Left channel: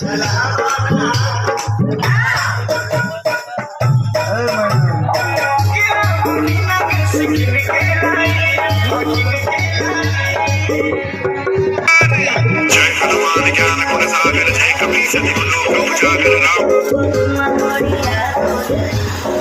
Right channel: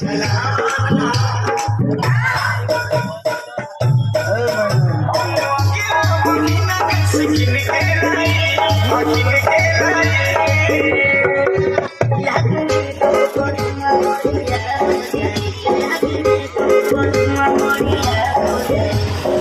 Take a piece of the look, don't talk it out.